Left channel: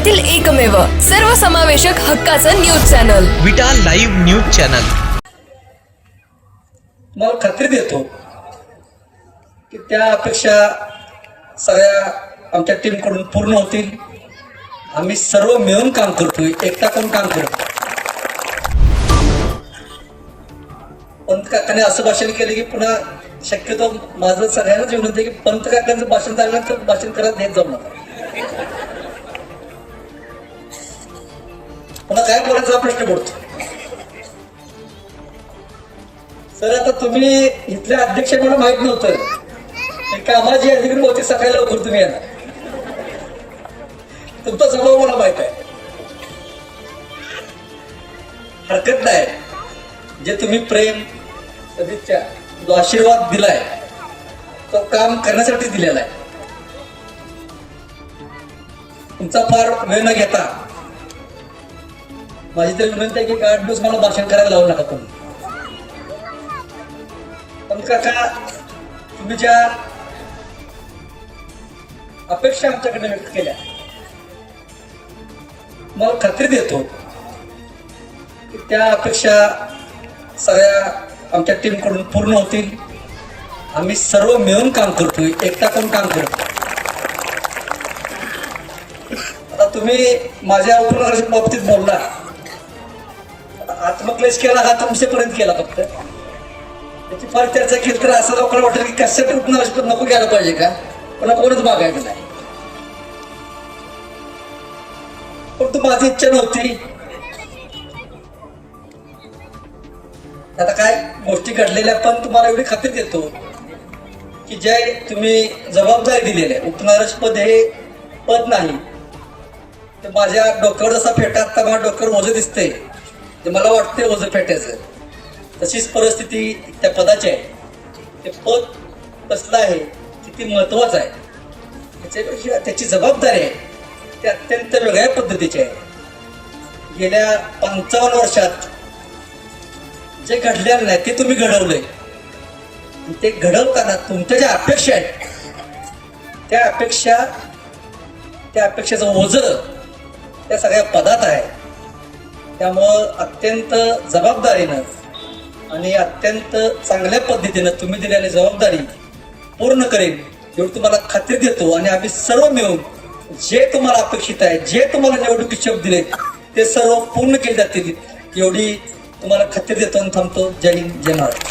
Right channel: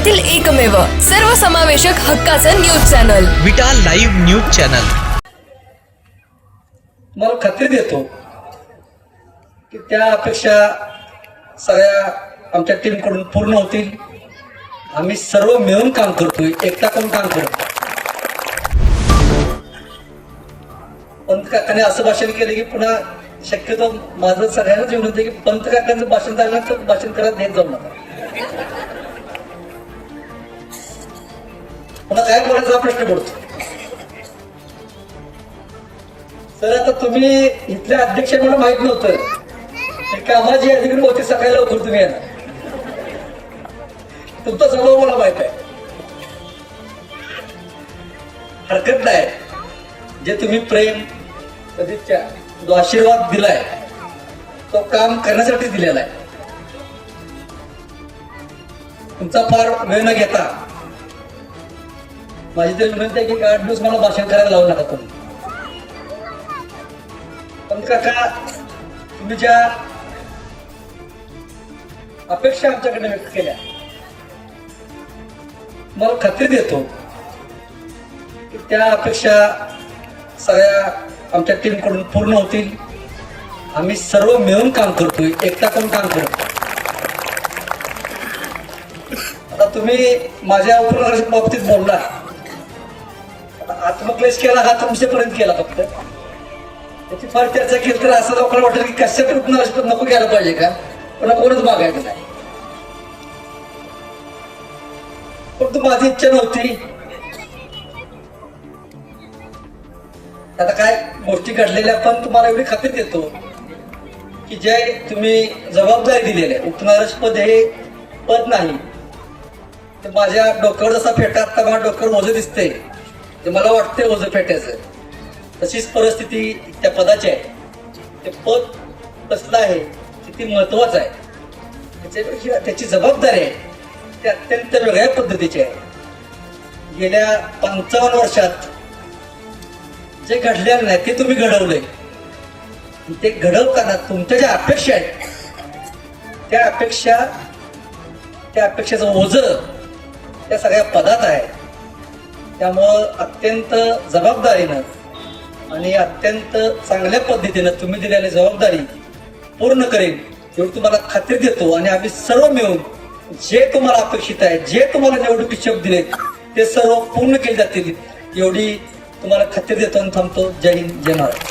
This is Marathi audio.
येथील एकमेव सर्वसमावेशक हक्काचं news channel. Vita live news channel. मला खात्री देतो की त्या अपेक्षा सगळ्या आमच्या टीमकडून पूर्ण होतील. आम्ही सर्व मिळून काम करतोय एकटा करून काम करतो पंत काकाने असं भाषण केलं की पुन्हा शक्यतो माझं सगळ्यांनाच विनंती की पंत काकांचं भाषण तर भाषण करत नाही जाऊ नका. मला काय बोलायचा प्रश्न पडतो सर आता तुम्ही इथल्या अध्यक्ष मला माहीत नव्हतं. कामाला जी अधिकारी होती सकाळी लवकर तुम्ही येणार. तुमचा स्वभाव मला माहीत आहे. हरकत नाही. जे तुम्ही प्रेम सदिच्छा जो आशीर्वाद दिलाय तो काम करण्यासाठी दिलेला आहे. तुमचा फार वेळ न घेता माझी तरी विनंती आहे की आठ दिवस मला भाषण करायला लावू नका तुम्ही. पण काका तुम्ही ज्या अपेक्षा आमच्याकडे व्यक्त केल्या मला खात्री देतो की त्या अपेक्षा सगळ्या आमच्या टीमकडून पूर्ण होतील. आम्ही सर्व मिळून काम करतोय एकटा करून काम करतो आता तुम्ही माझ्या उपनगराच्या बाबतीत बोलला. आत्मक्लेश केला हा तुमच्यापर्यंत केला फक्त. त्याची फार चर्चा केली तर असं लोकांना वाटलं की कश्यप रुग्णालयात नको घ्यायला पाहिजे का? पण कोणच मागायला नाही. पण तू माझी इच्छा नव्हती. आता काय गोष्टी घडलेल्या पण तुम्हाला एवढी खात्री देतो की जे तुम्ही जबाबदारी दिलेली आहे उपनारस पद हे पद नाही. तर माझ्या डोक्यावर जसा फेटा आता माझ्या डोक्यावर ओझं दिसते ते मला वाटते ओझं फेटायचं तशीच परिस्थिती त्या पदाची आहे. ते पद कसलं आहे किती महत्वाचं आहे त्याच्यापेक्षा त्याची जबाबदारी आहे. ती अत्यंत वेगळ्या पद्धतीची आहे. गेल्या पंचावन्न वर्षात जे घडलेलं नाही ते तुम्ही घडवलंय. ते घडवताना तुमच्या ज्या अपेक्षा आहेत त्या अपेक्षा त्या अपेक्षेचं ओझं त्या सगळ्या पदात आहे. त्यामुळं अत्यंत जबाबदारीनं आणि अत्यंत चांगल्या पद्धतीनं तुम्ही दिलेली जबाबदारी पूर्ण करेन एवढी तुम्हाला खात्री देतो आणि आम्ही सर्व मिळून जे तुम्हाला अपेक्षित आहे जे तुम्हाला निवडणुकीत शब्द दिले ते सर्व पूर्ण केले जातील एवढी तुम्हाला खात्री देतो आणि थांबतो. जय हिंद जय महाराष्ट्र.